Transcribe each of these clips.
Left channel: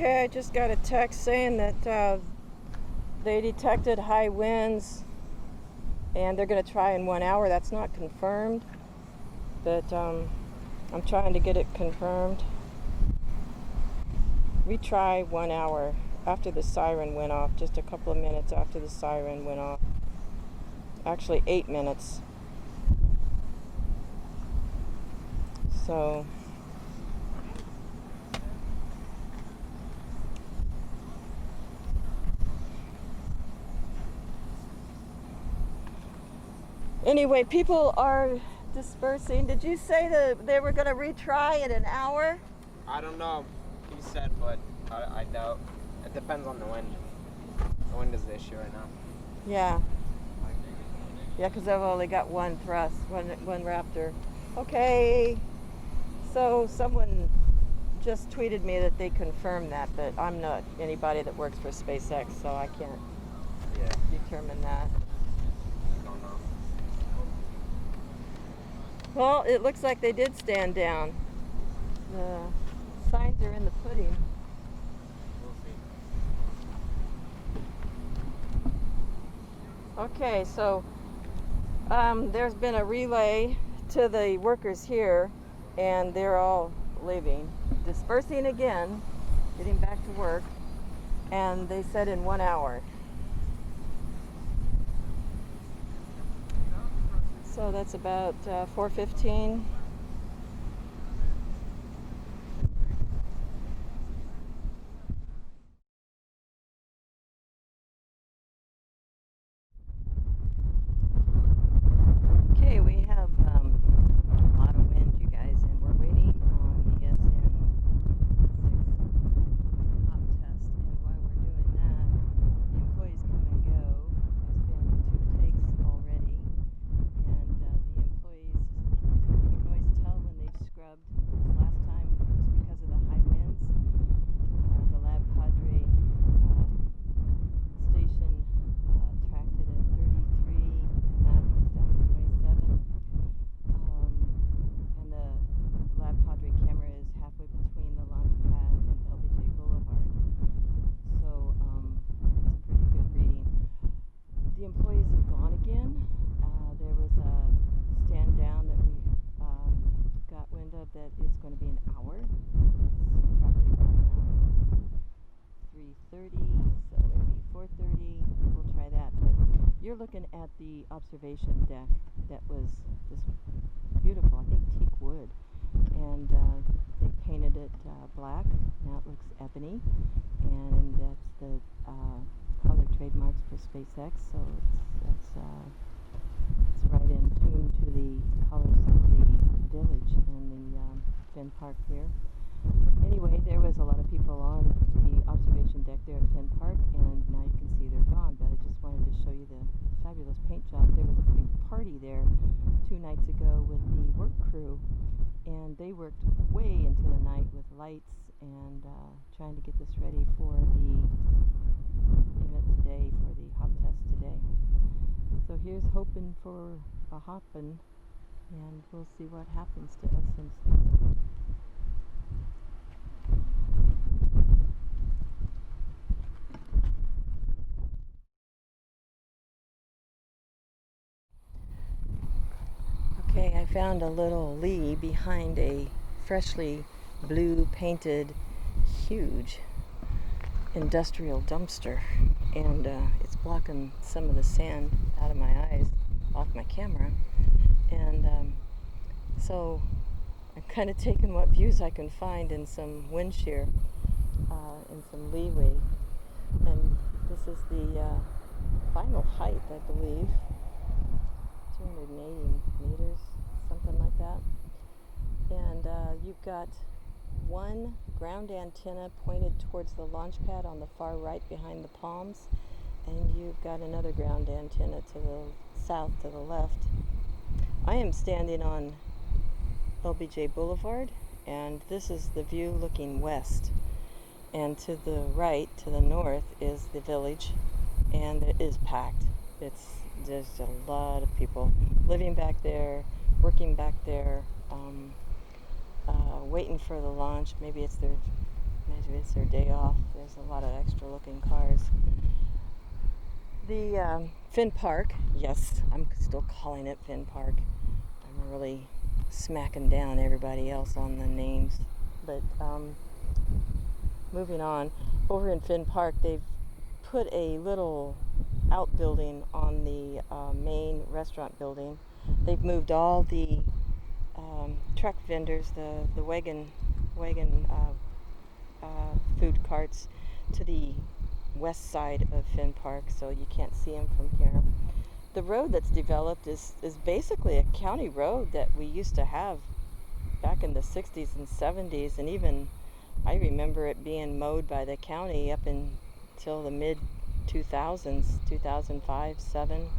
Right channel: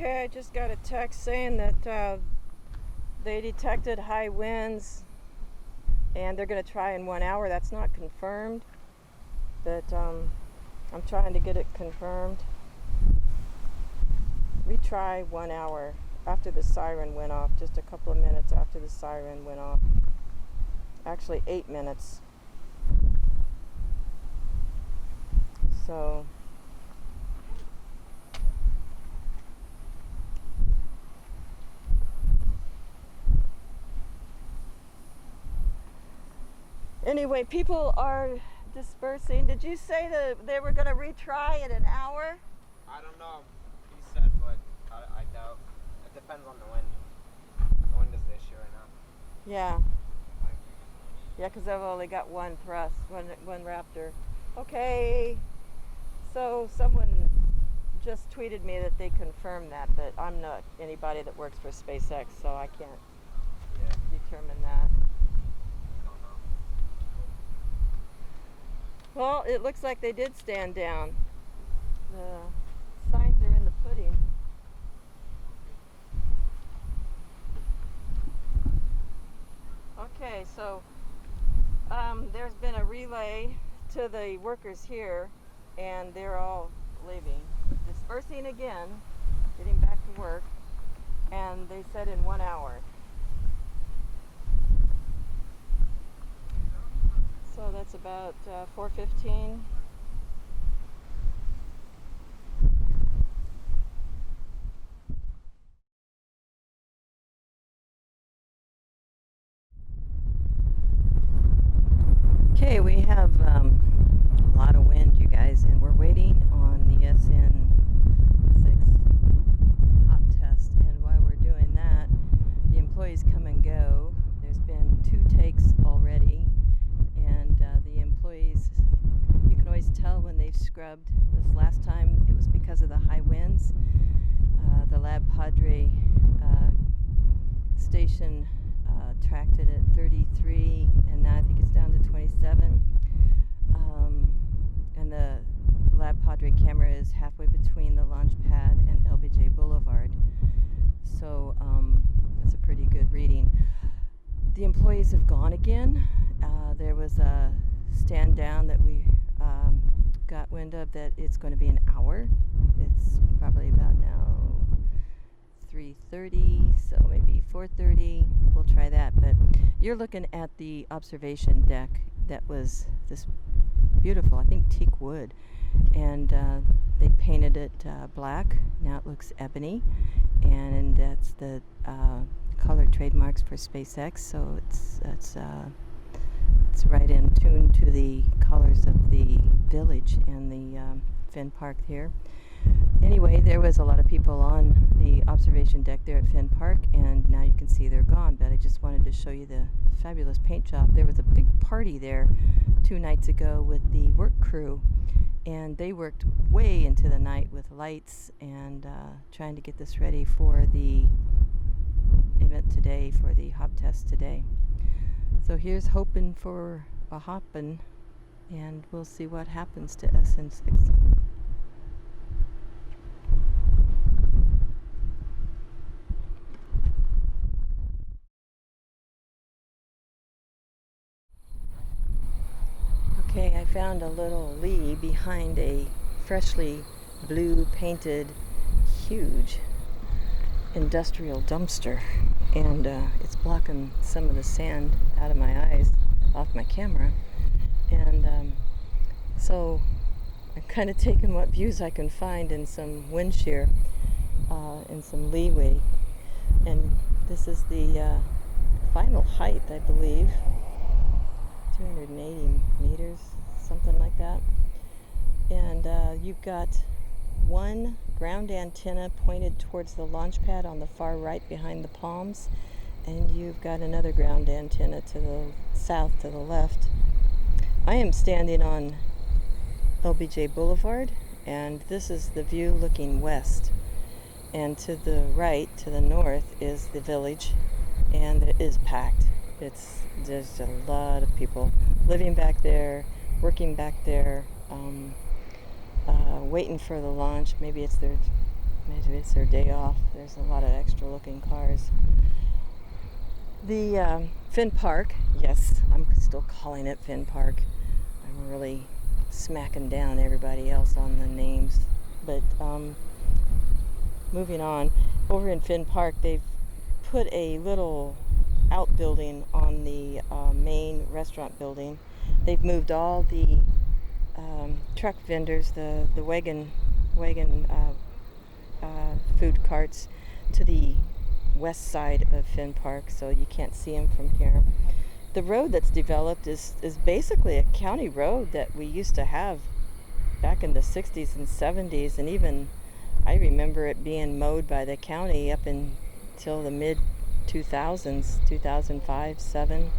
Okay, I just got a text saying that they detected high winds and they're going to try in 1 hour. That's not confirmed, but I'm trying to get it confirmed. We try 1 hour after the siren went off, just a couple of minutes after the siren went off. Actually 8 minutes. So anyway, people are dispersing. Did you say that they were going to retry in an hour? I don't know. He said, but I doubt. It depends on the wind. The wind is the issue right now. Yeah. Yeah, because I've only got one thrust, one Raptor. Okay. So someone just tweeted me that they confirmed that, but I'm not anybody that works for SpaceX, so I can't determine that. I don't know. Well, it looks like they did stand down. The signs are in the pudding. Okay, so there's been a relay to the workers here, and they're all leaving, dispersing again, getting back to work, and they said in 1 hour. So that's about 4:15. Okay, we have a lot of wind, you guys, and we're waiting on the SN6 hop test. And while we're doing that, the employees come and go. There's been 2 takes already, and the employees, you can always tell when they've scrubbed. This last time it was because of the high winds. The Lab Padre station tracked it at 33, and now I think it's down to 27. And the Lab Padre camera is halfway between the launch pad and LBJ Boulevard. So it's a pretty good reading. The employees have gone again. There was a stand down that we got wind of that it's going to be an hour. It's probably about now 3:30, so maybe 4:30. We'll try that. But you're looking at the observation deck that was this beautiful, I think teak wood, and they painted it black. Now it looks ebony, and that's the color trademarks for SpaceX. So it's right in tune to the colors of the village and the Finn Park here. Anyway, there was a lot of people on the observation deck there at Finn Park, and now you can see they're gone, but I just wanted to show you the fabulous paint job. There was a big party there 2 nights ago with the work crew, and they worked way into the night with lights and trying to get this ready for the event today, for the hop test today. So here's hoping for a hoppin', and we'll see what happens to SN6. Okay, I found a little lee behind a freshly blue painted huge industrial dumpster, and it's blocking some of the sand out of my eyes off my camera, and so I'm kind of taking what views I can find in some wind shear and some leeway. And this is the final height, I believe, 280 meters, something like that. And you've got one ground antenna pointed towards the launch pad on the far right behind the palms, and you've got another ground antenna to the south, to the left. I am standing on LBJ Boulevard, and this is the view looking west. And to the right, to the north, is the village, and it is packed. There's a lot of people living back there, working back there, waiting for the launch. Maybe it's their Maybe it's their day off. There's a lot of extra looking cars. The Finn Park, yes, I'm still calling it Finn Park. I'm really smacking down everybody else on the names. But moving on, over in Finn Park, they've put a little outbuilding on the main restaurant building. They've moved all the truck vendors, the wagon food carts to the west side of Finn Park, so you can't see them from here. The road that's developed is basically a county road that we used to have back in the 60s and 70s, and even I remember it being mowed by the county up until the mid 2000s, 2005, 7,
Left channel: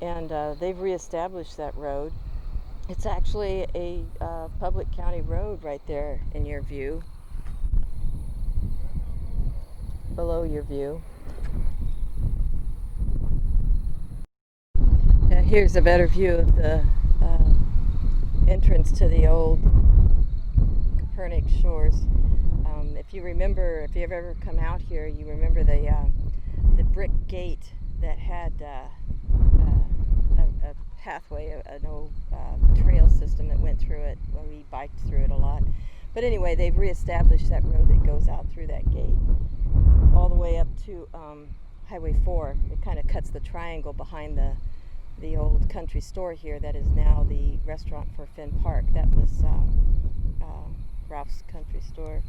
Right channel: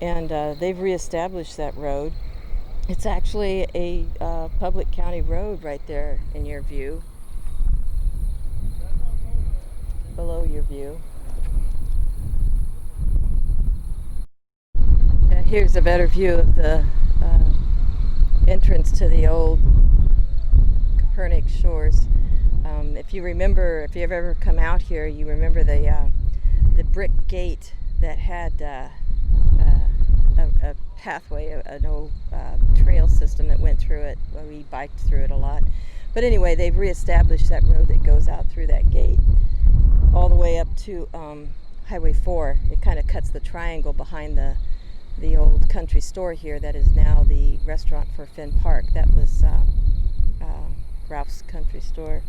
and they've reestablished that road. It's actually a public county road right there in your view, below your view. Here's a better view of the entrance to the old Copernic shores. If you remember, if you've ever come out here, you remember the brick gate that had a pathway, an old trail system that went through it. Well, we biked through it a lot. But anyway, they've reestablished that road that goes out through that gate all the way up to Highway 4. It kind of cuts the triangle behind the old country store here that is now the restaurant for Finn Park. That was Ralph's country store.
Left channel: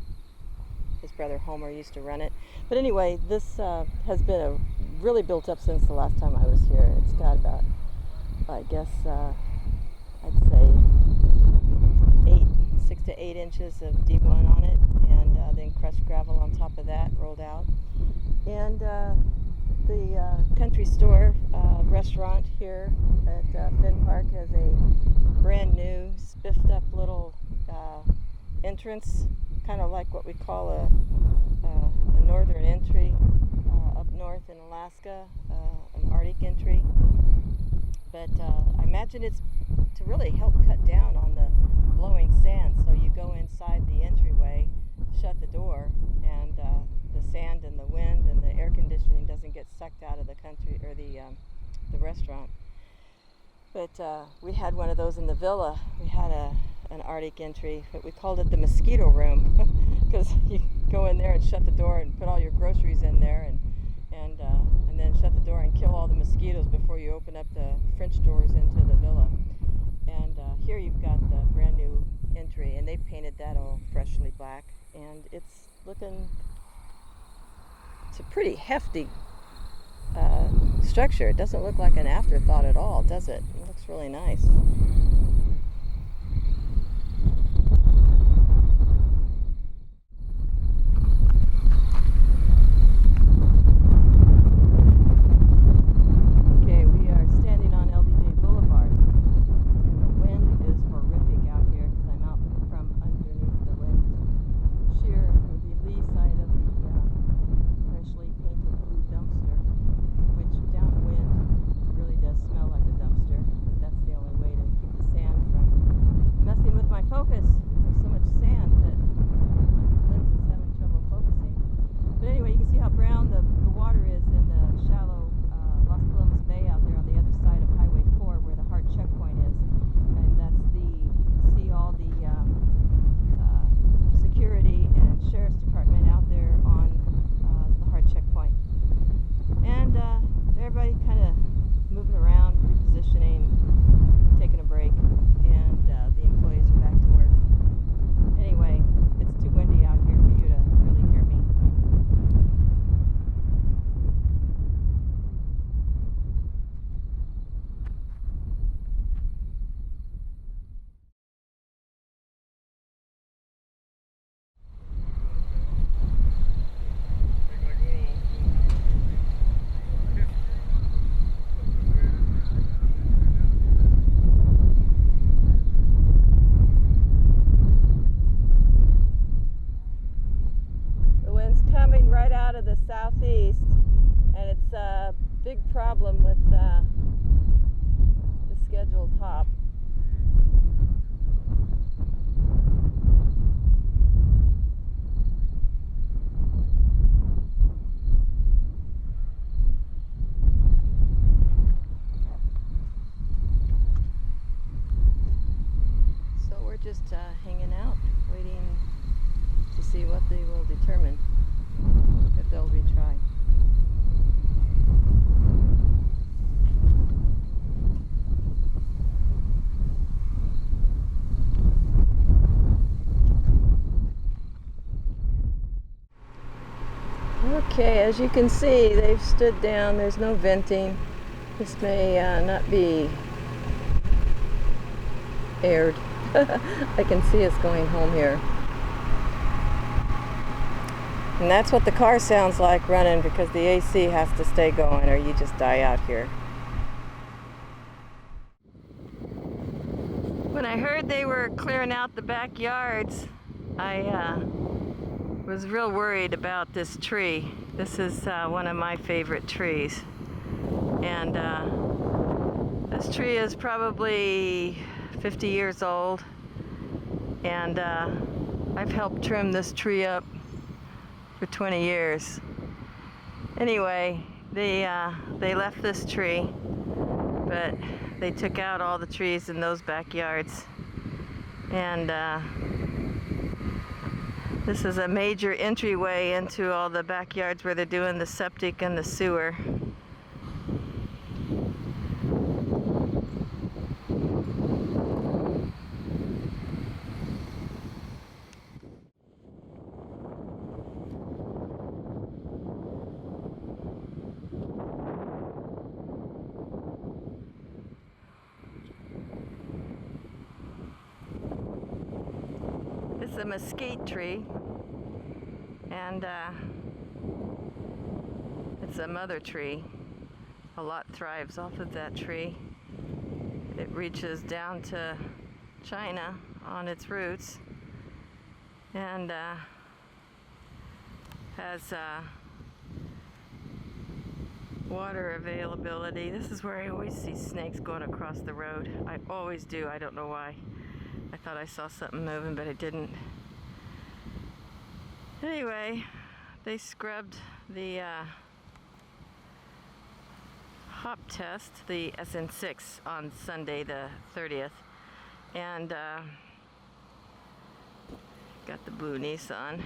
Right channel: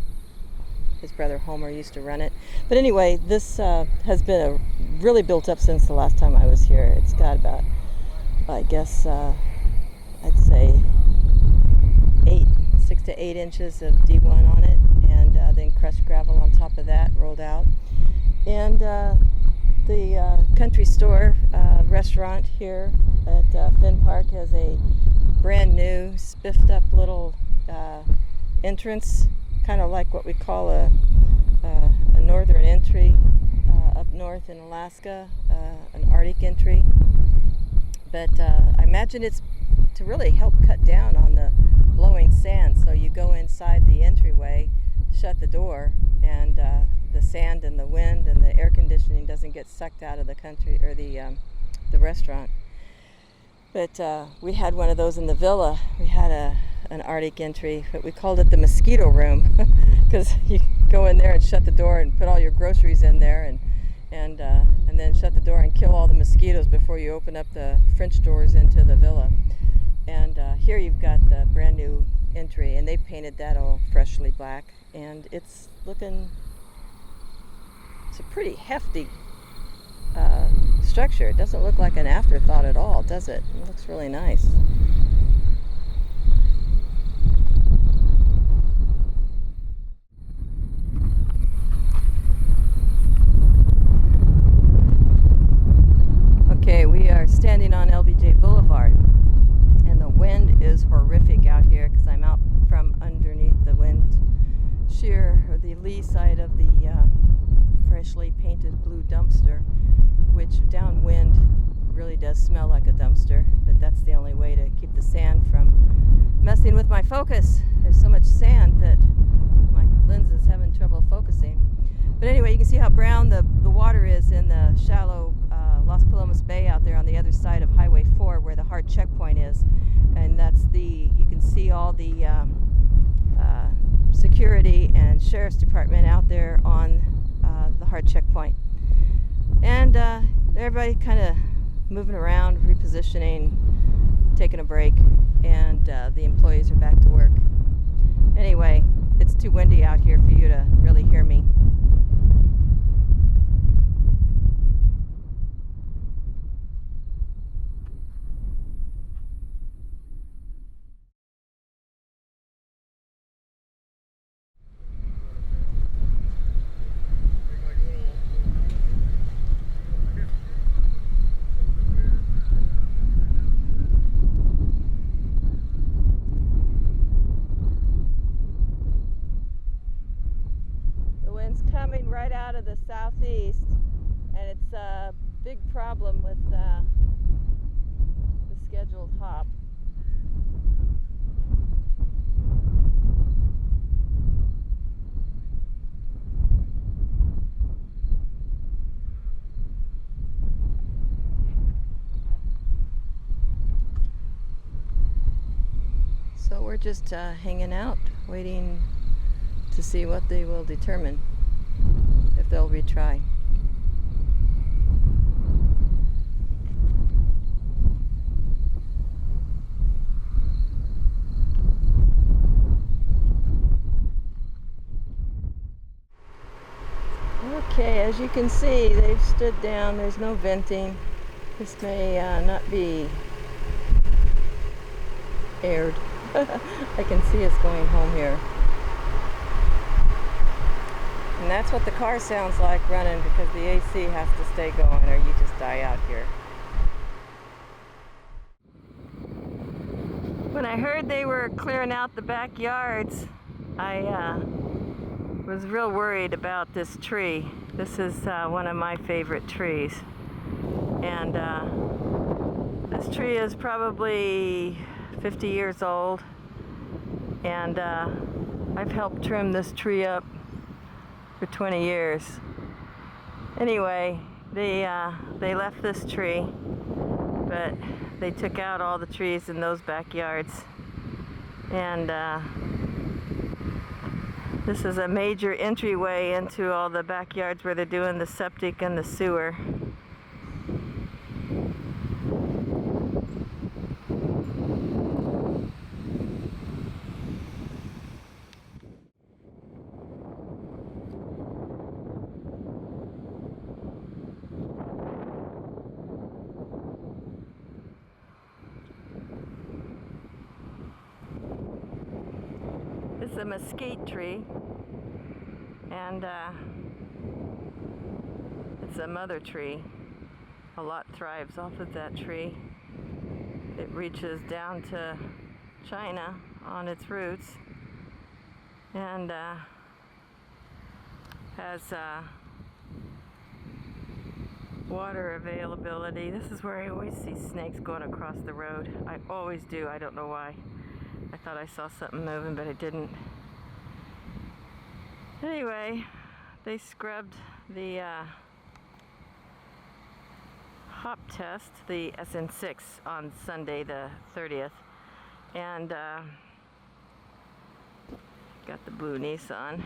His brother Homer used to run it. But anyway, this has been really built up since the last time I was here. It's got about, I guess, I'd say 6 to 8 inches of D1 on it, and then crushed gravel on top of that rolled out. And the country store restaurant here at Finn Park has a brand new spiffed up little entrance, kind of like what we call a northern entry up north in Alaska, an Arctic entry. But I imagine it's to really help cut down on the blowing sand. So you go inside the entryway, shut the door, and the sand and the wind and the air conditioning doesn't get sucked out of the country or the restaurant. But we had one of those in the villa. We had an Arctic entry, but we called it the mosquito room because you go in there and shut the door and put all your groceries in there and then shut the door and kill all the mosquitoes before you open up the French doors into the villa. And here you've got the brand new entry, and they painted that all freshly black, and it's a pretty hefty structure. It doesn't look like an afterthought at all, does it? It looks really nice. Okay, we are standing on LBJ Boulevard, and the wind is horrific out here because I'm out from underneath the wind shear, or the lee side of the freshly painted blue dumpster, which downwind really does smell like a dumpster, but that's the only way to keep the sand from messing with my focus. There's so much sand that my lens is having trouble focusing. But anyway, you can see how brown the water is in the shallow Las Palomas Bay out there on the other side of Highway 4 where the hard checkpoint is. And you can see all the security and sheriff's department out there on the hard checkpoint. And everybody kind of moving around, repositioning, taking a break, and the employees are back to work. Anyway, it's too windy out here for you to really hear me. Coming right out of the southeast, and it's a big problem with the scheduled hop. just hanging out, waiting to see what they will determine, if they'll retry. Okay, as you can see, they've stood down. There's no venting. This may not be aired. I can see us going home here. And that's what the car sounds like running, because the AC has to stay going or you just die out here. When I heard they were clearing out the backyards, I was real worried about this tree. This is one of my favorite trees. And this tree is probably 50 years old. And I've helped trim this tree up for 20 years. Anyway, they left this tree, but they took out all the trees in those backyards. And this is a major entryway into all the backyards where they're doing the septic and the sewer. It's a mesquite tree, and it's a mother tree. A lot thrives off of that tree. It reaches down to China on its roots, and has water availability. This is where I always see snakes going across the road. I always do. I don't know why. I thought I saw something moving, but it didn't. Anyway, they scrubbed the hop test, the SN6, on Sunday the 30th. And got the blue Nissan.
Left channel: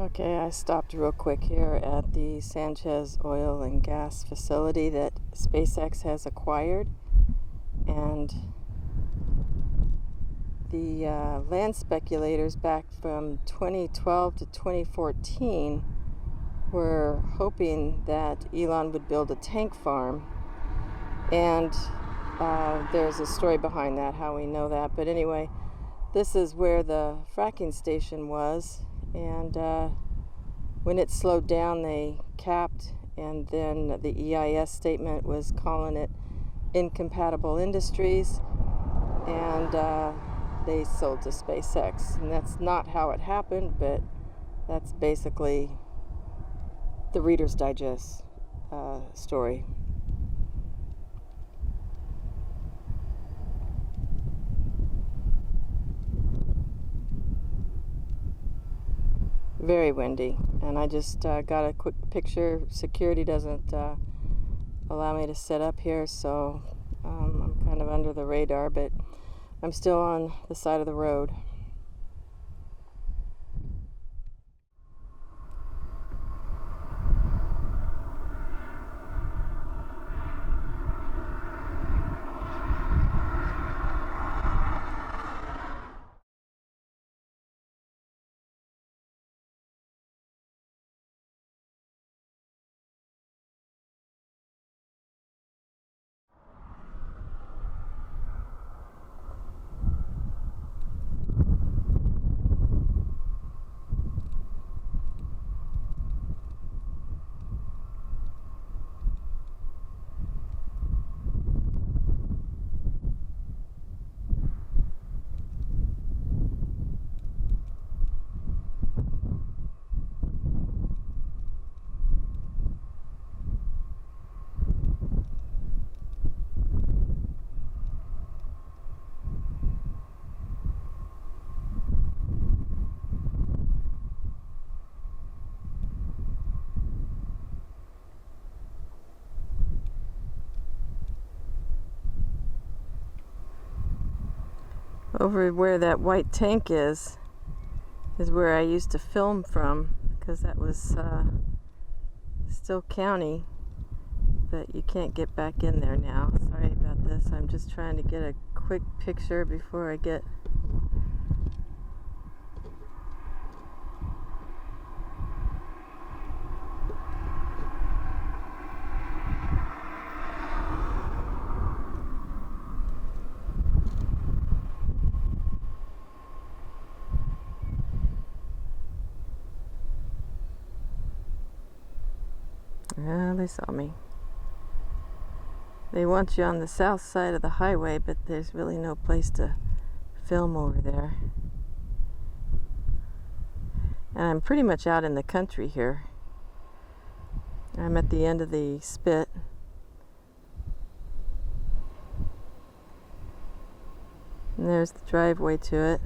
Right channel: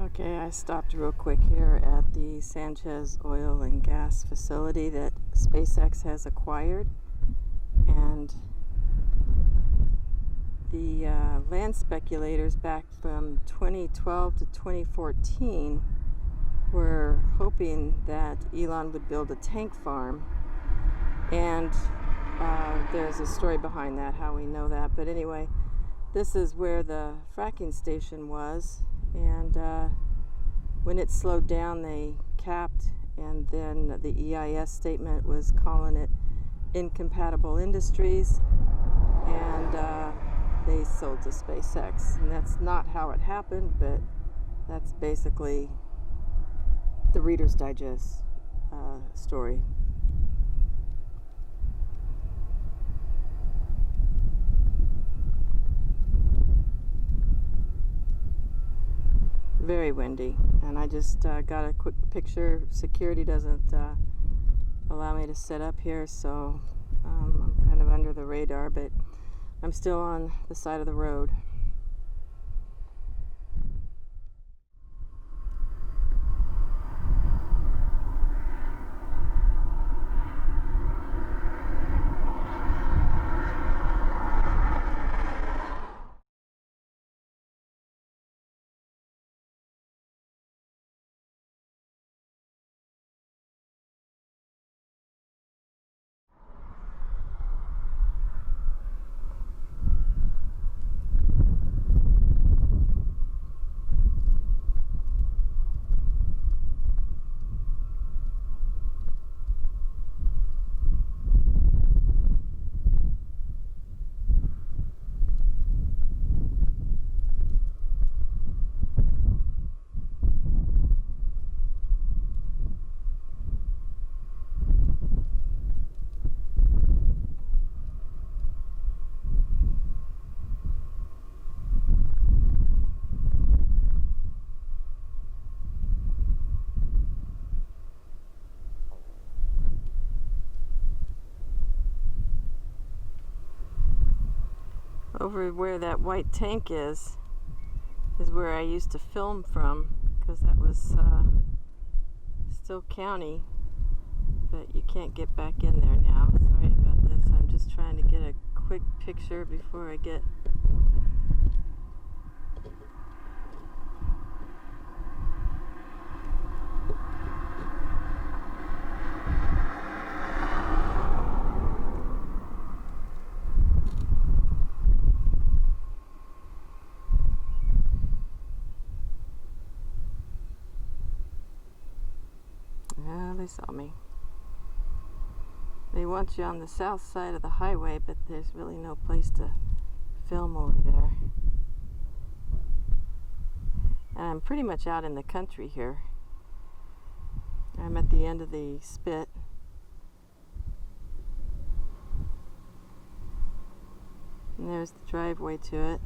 Okay, I stopped real quick here at the Sanchez Oil and Gas facility that SpaceX has acquired, and the land speculators back from 2012 to 2014 were hoping that Elon would build a tank farm, and there's a story behind that, how we know that. But anyway, this is where the fracking station was, and when it slowed down they capped, and then the EIS statement was calling it incompatible industries, and they sold to SpaceX. And that's not how it happened, but that's basically the Reader's Digest story. Very windy, and I just got a quick picture. Security doesn't allow me to set up here, so I'm kind of under the radar, but I'm still on the side of the road. Over where that white tank is where I used to film from, because that was still county, but you can't get back in there now. Sorry about this. I'm just trying to get a quick picture before I get they saw me. They want you on the south side of the highway, but there's really no place to film over there. And I'm pretty much out in the country here. I'm at the end of the spit. And there's the driveway to it.